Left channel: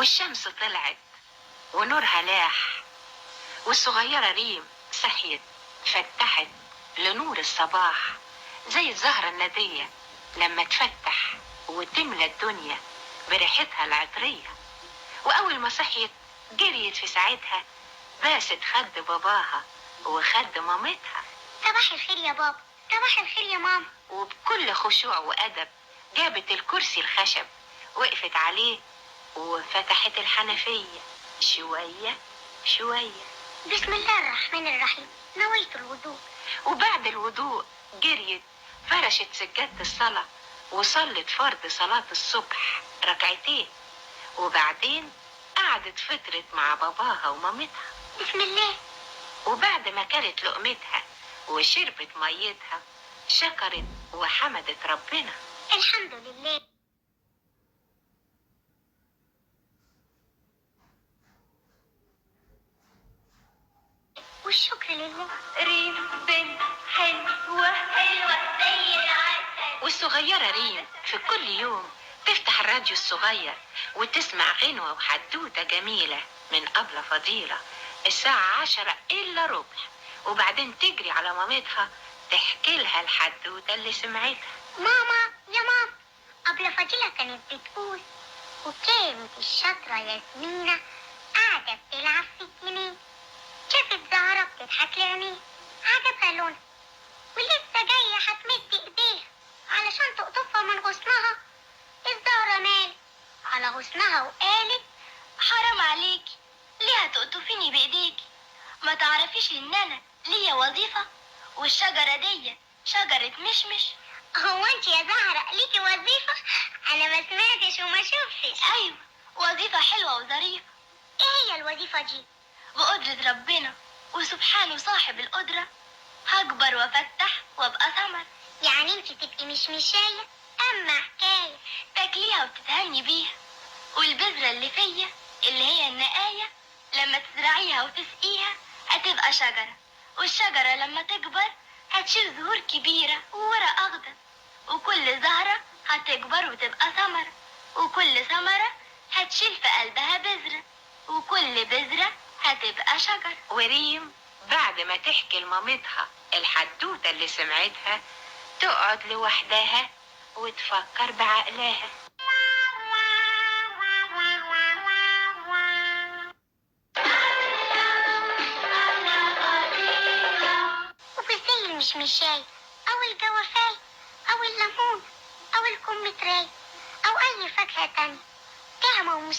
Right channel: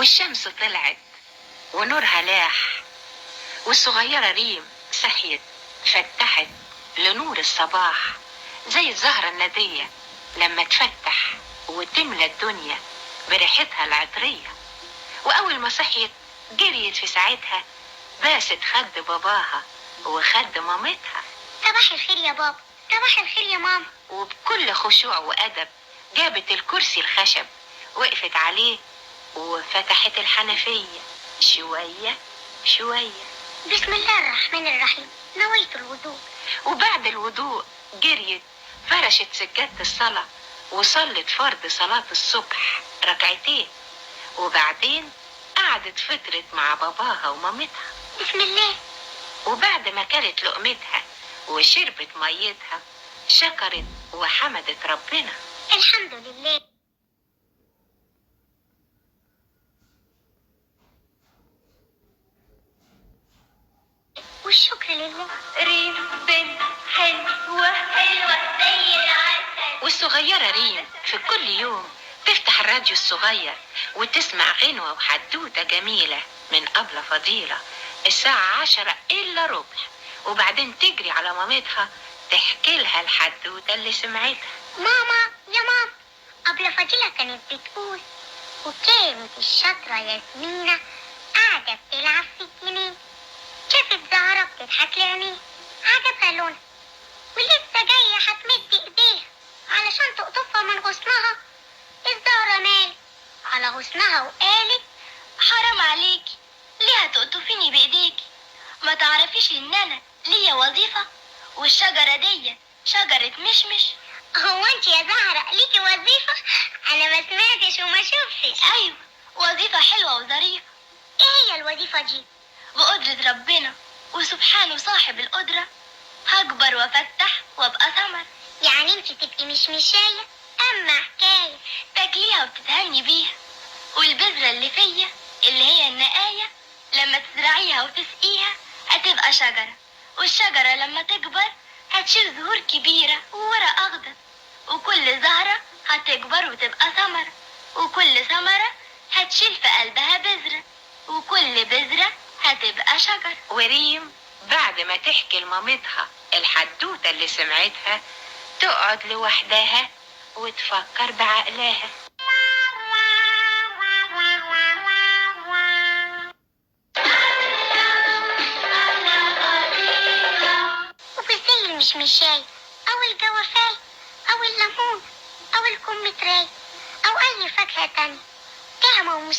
والشمس طلعت ونورها لاح، والصغيرة ريم صحيت فتحت لنور الصباح زي الزهرة الندية لما تفتح وتملى الدنيا بريحتها العطرية. وأول ما صحيت جريت في ساعتها باست خد باباها وخد مامتها. صباح الخير يا بابا، صباح الخير يا ماما. وبكل خشوع وأدب جابت الكرسي الخشب، وقفت عليه وفتحت الحنفية شوية شوية. بسم الله الرحمن الرحيم، نويت الوضوء. وبعد الوضوء جريت فرشت سجادة الصلاة وصلت فرض صلاة الصبح ركعتين، وبعدين قعدت فترت مع باباها ومامتها. بسم الله. وبعد ما كلت لقمتها وشربت ميتها شكرت وحمدت ربنا. الحمد لله. والشكر لله. ريم بنت حلوة حلوة زي العسل. والصغيرة ريم في كل يوم تفتح الراديو الصغير وتسمع غنوة وحدوتة جميلة من أبلة فضيلة الساعة 10 إلا ربع، وبعدين تجري على مامتها تحكي لها الحدوتة اللي سمعتها. ماما يا ماما، أبلة فضيلة كانت بتقول وكانت الشاطرة ياسمينة قاعدة بتلعب في الجنينة، شافت زهرة بتضحك لعينيها، عجبها لونها ولسه جاية هتمد ايديها علشان تقطفها من غصنها. الزهرة مالت على غصنها وقالت حرام عليكي، ليه هتقطفيني بايديكي؟ ما تعرفيش ان انا ليا وظيفة والشجرة دي شجرة مشمش. هو انت يا زهرة ليكي وظيفة؟ انا ما سمعتش وما شفتش. ايوه، وظيفة حلوة وظريفة. ايه هي الوظيفة دي؟ بقدرة ربنا وسبحانه صاحب القدرة هكبر وافتح وابقى ثمر. يعني انت تبقي مشمشاية؟ اما حكاية تاكليها وتتهني بيها، والبذرة اللي فيا اللي هي النقاية لما تزرعيها وتسقيها هتبقى شجرة، والشجرة لما تكبر هتشيل زهور كبيرة وورق أخضر، وكل زهرة هتكبر وتبقى ثمرة، وكل ثمرة هتشيل في قلبها بذرة، وكل بذرة هتبقى شجر. وريم بعد ما تحكي لمامتها الحدوتة اللي سمعتها تقعد لوحدها وتفكر بعقلها. وبزي المشمشاي أو الجوافاي أو الليمون أو الكمثري أو أي فاكهة تانية، طعمة ومستوى